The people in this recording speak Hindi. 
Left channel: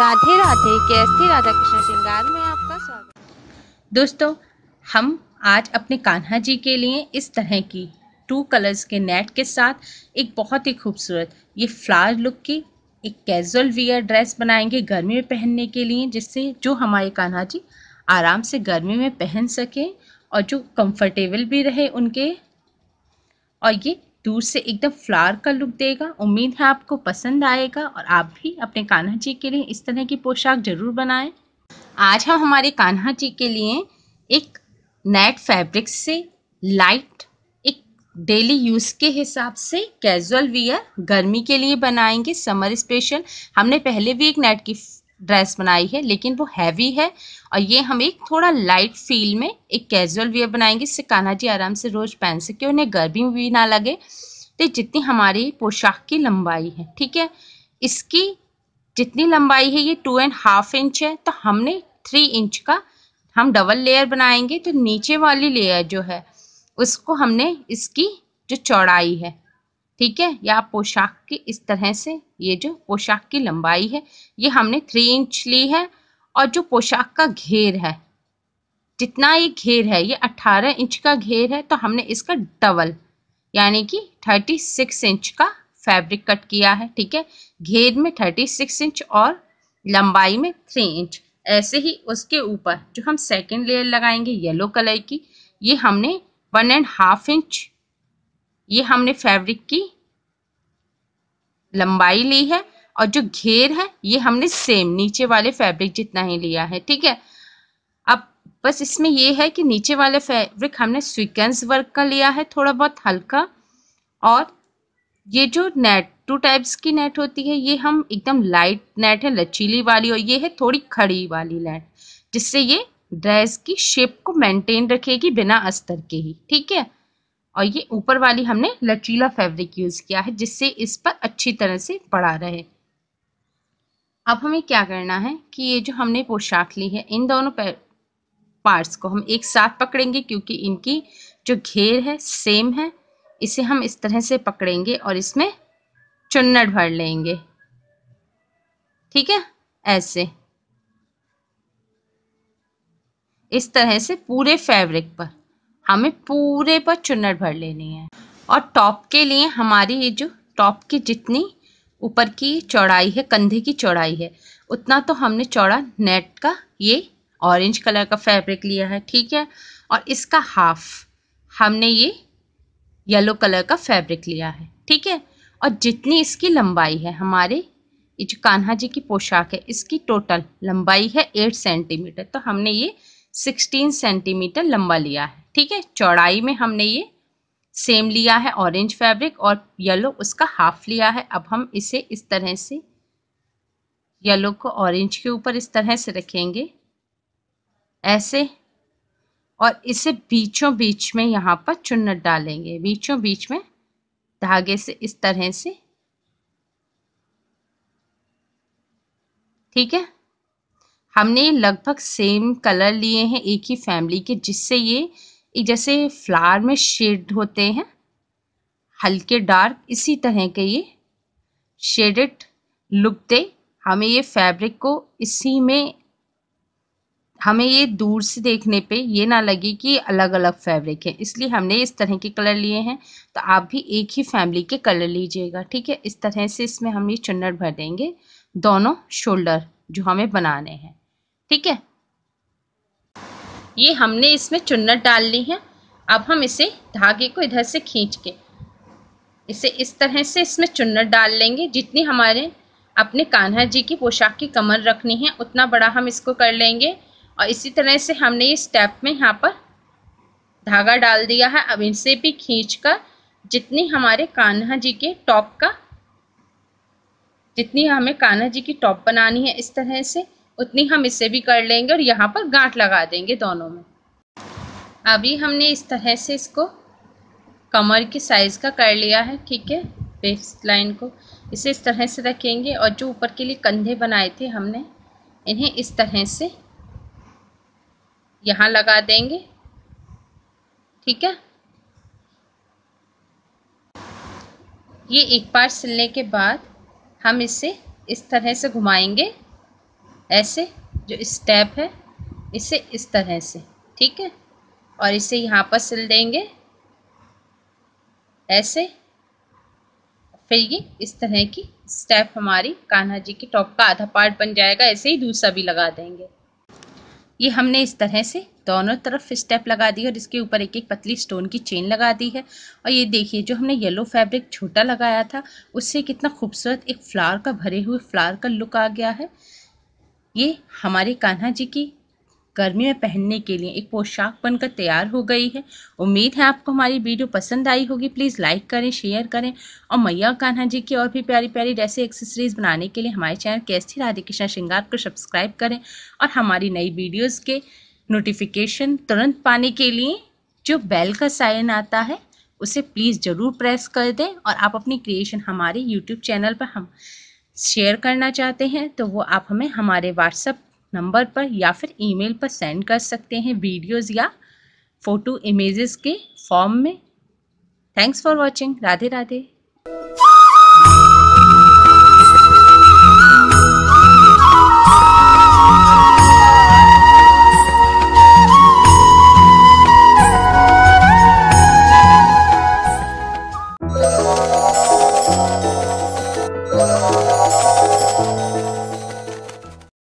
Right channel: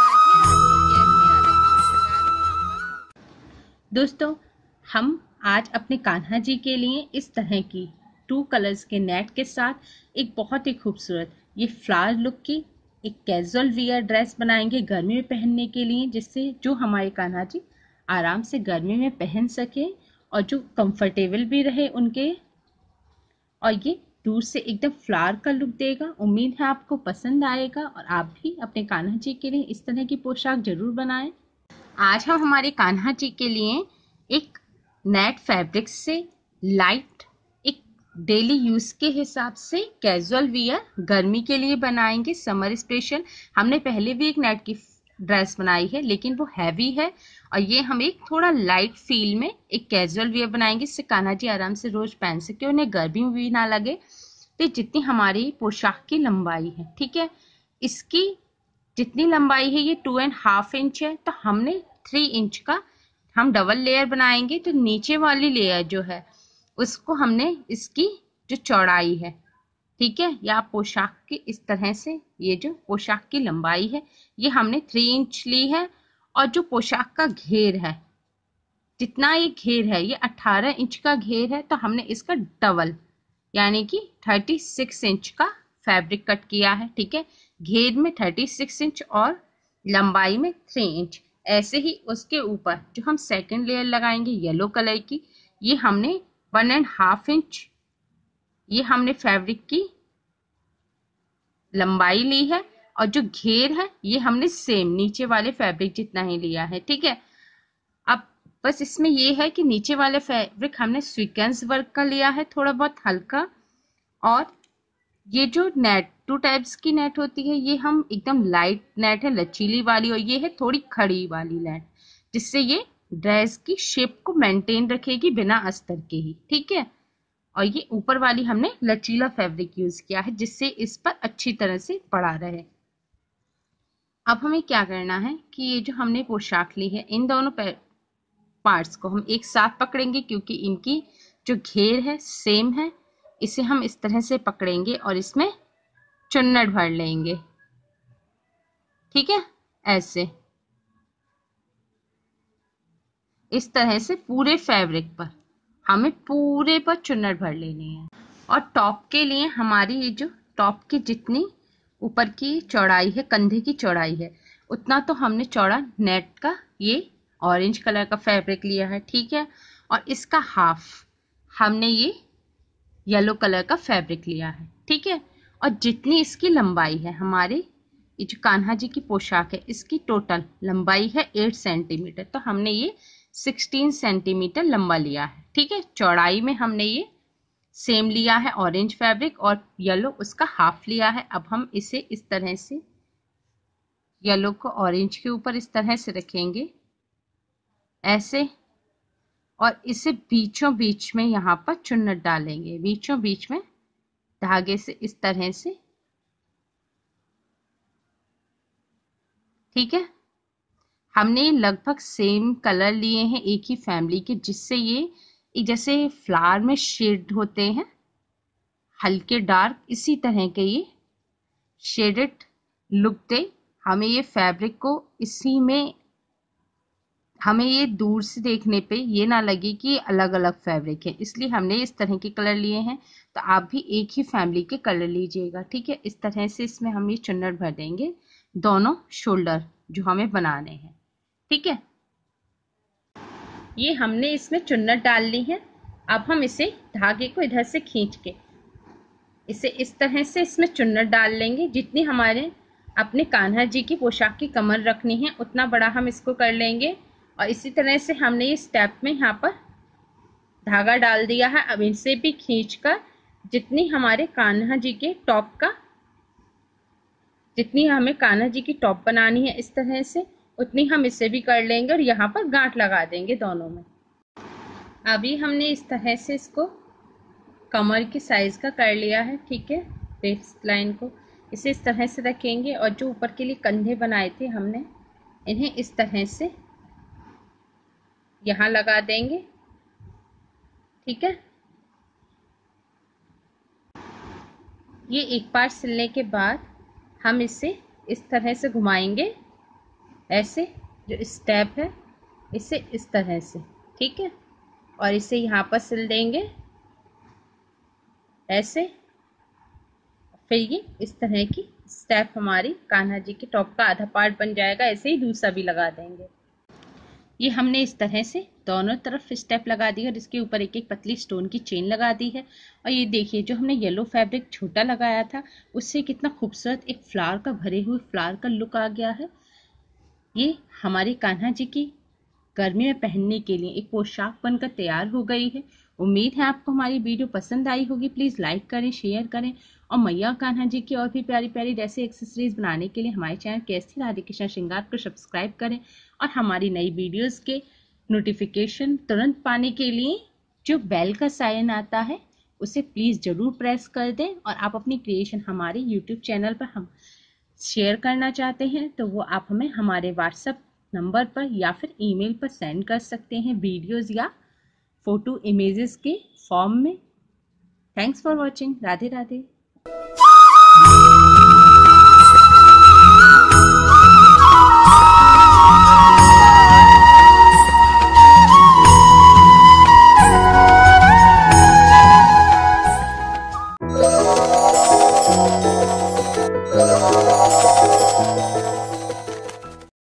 राधे राधे। कैसी राधा कृष्ण श्रृंगार में आपका स्वागत। दोस्तों, हम आज अपने कान्हा जी के लिए इस तरह की 2 कलर्स के नेट के साथ एक बहुत ही खूबसूरत ये फ्लावर लुक की एक कैजुअल वियर ड्रेस बनाएंगे गर्मी में पहनने के लिए, जिससे जो हमारे कान्हा जी आराम से गर्मी में पहन सके और जो कंफर्टेबल भी रहे उनके, और ये दूर से एकदम फ्लावर का लुक देगा। उम्मीद है आपको पसंद आएगा और आप भी अपने कान्हा जी के लिए इस तरह की पोशाक जरूर बनाएं। आज हम हमारे कान्हा जी के लिए एक नेट फैब्रिक से लाइट एक डेली यूज के हिसाब से कैजुअल वियर गर्मी के लिए बनाएंगे, समर स्पेशल। हमने पहले भी एक नेट की ड्रेस बनाई है लेकिन वो हैवी है, और ये हम एक थोड़ा लाइट फील में एक कैजुअल वियर बनाएंगे, इससे कान्हा जी आराम से रोज पहन सके, उन्हें गर्मी भी ना लगे। तो जितनी हमारी पोशाक की लंबाई है, ठीक है, इसकी जितनी लंबाई है ये 2.5 इंच है, तो हमने 3 इंच का हम डबल लेयर बनाएंगे। तो नीचे वाली लेयर जो है उसको हमने इसकी जो चौड़ाई है, ठीक है, या पोशाक की इस तरह से ये जो पोशाक की लंबाई है ये हमने 3 इंच ली है, और जो पोशाक का घेर है, जितना ये घेर है ये 18 इंच का घेर है, तो हमने इसका डबल यानी कि 36 इंच का फैब्रिक कट किया है। ठीक है, घेर में 36 इंच और लंबाई में 3 इंच। ऐसे ही उसके ऊपर जो हम सेकेंड लेयर लगाएंगे येलो कलर की, ये हमने 1.5 इंच ये हमने फैब्रिक की लंबाई ली है, और जो घेर है ये हमने सेम नीचे वाले फैब्रिक जितना ही लिया है। ठीक है, अब बस इसमें ये है कि नीचे वाले फैब्रिक हमने सीक्वेंस वर्क का लिया है, थोड़ा बहुत हल्का, और ये जो नेट 2 टाइप्स की नेट होती है, ये हम एकदम लाइट नेट है लचीली वाली, और ये है थोड़ी खड़ी वाली नेट, जिससे ये ड्रेस की शेप को मेंटेन रखेगी बिना अस्तर के ही। ठीक है, और ये ऊपर वाली हमने लचीला फैब्रिक यूज किया है जिससे इस पर अच्छी तरह से पड़ा रहे। अब हमें क्या करना है कि ये जो हमने पोशाक ली है इन दोनों पार्ट्स को हम एक साथ पकड़ेंगे, क्योंकि इनकी जो घेर है सेम है। इसे हम इस तरह से पकड़ेंगे और इसमें चुन्नट भर लेंगे। ठीक है, ऐसे इस तरह से पूरे फैब्रिक पर हमें पूरे पर चुन्नट भर लेनी है। और टॉप के लिए हमारी ये जो टॉप की जितनी ऊपर की चौड़ाई है, कंधे की चौड़ाई है, उतना तो हमने चौड़ा नेट का ये ऑरेंज कलर का फैब्रिक लिया है। ठीक है, और इसका हाफ हमने ये येलो कलर का फैब्रिक लिया है। ठीक है, और जितनी इसकी लंबाई है, हमारे ये जो कान्हा जी की पोशाक है इसकी टोटल लंबाई है 8 सेंटीमीटर, तो हमने ये 16 सेंटीमीटर लंबा लिया है। ठीक है, चौड़ाई में हमने ये सेम लिया है ऑरेंज फैब्रिक, और येलो उसका हाफ लिया है। अब हम इसे इस तरह से येलो को ऑरेंज के ऊपर इस तरह से रखेंगे ऐसे, और इसे बीचों बीच में यहाँ पर चुन्नट डालेंगे, बीचों बीच में धागे से इस तरह से। ठीक है, हमने लगभग सेम कलर लिए हैं एक ही फैमिली के, जिससे ये एक जैसे फ्लावर में शेड होते हैं हल्के डार्क, इसी तरह के ये शेडेड लुक दे। हमें ये फैब्रिक को इसी में, हमें ये दूर से देखने पे ये ना लगे कि अलग अलग फैब्रिक है, इसलिए हमने इस तरह के कलर लिए हैं। तो आप भी एक ही फैमिली के कलर लीजिएगा। ठीक है, इस तरह से इसमें हम ये चुन्नट भर देंगे दोनों शोल्डर जो हमें बनाने हैं। ठीक है, ये हमने इसमें चुन्नट डाल ली है। अब हम इसे धागे को इधर से खींच के इसे इस तरह से इसमें चुन्नट डाल लेंगे। जितनी हमारे अपने कान्हा जी की पोशाक की कमर रखनी है उतना बड़ा हम इसको कर लेंगे, और इसी तरह से हमने इस स्टेप में यहाँ पर धागा डाल दिया है। अब इसे भी खींचकर जितनी हमारे कान्हा जी के टॉप का, जितनी हमें कान्हा जी की टॉप बनानी है इस तरह से, उतनी हम इसे भी कर लेंगे, और यहाँ पर गांठ लगा देंगे दोनों में। अभी हमने इस तरह से इसको कमर की साइज का कर लिया है। ठीक है, वेस्ट लाइन को इसे इस तरह से रखेंगे, और जो ऊपर के लिए कंधे बनाए थे हमने, इन्हें इस तरह से यहाँ लगा देंगे। ठीक है, ये एक बार सिलने के बाद हम इसे इस तरह से घुमाएंगे ऐसे जो स्टेप है इसे इस तरह से, ठीक है, और इसे यहाँ पर सिल देंगे ऐसे। फिर ये इस तरह की स्टेप हमारी कान्हा जी के टॉप का आधा पार्ट बन जाएगा। ऐसे ही दूसरा भी लगा देंगे। ये हमने इस तरह से दोनों तरफ स्टेप लगा दी और इसके ऊपर एक एक पतली स्टोन की चेन लगा दी है। और ये देखिए जो हमने येलो फैब्रिक छोटा लगाया था उससे कितना खूबसूरत एक फ्लावर का, भरे हुए फ्लावर का लुक आ गया है। ये हमारे कान्हा जी की गर्मी में पहनने के लिए एक पोशाक बनकर तैयार हो गई है। उम्मीद है आपको हमारी वीडियो पसंद आई होगी। प्लीज़ लाइक करें, शेयर करें और मैया कान्हा जी की और भी प्यारी प्यारी ड्रेसें एक्सेसरीज बनाने के लिए हमारे चैनल केएसटी राधे कृष्ण श्रृंगार को सब्सक्राइब करें। और हमारी नई वीडियोस के नोटिफिकेशन तुरंत पाने के लिए जो बेल का साइन आता है उसे प्लीज़ ज़रूर प्रेस कर दें। और आप अपनी क्रिएशन हमारे यूट्यूब चैनल पर हम शेयर करना चाहते हैं तो वो आप हमें हमारे व्हाट्सएप नंबर पर या फिर ईमेल पर सेंड कर सकते हैं, वीडियोस या फोटो इमेजेस के फॉर्म में। Thanks for watching. Radhe Radhe.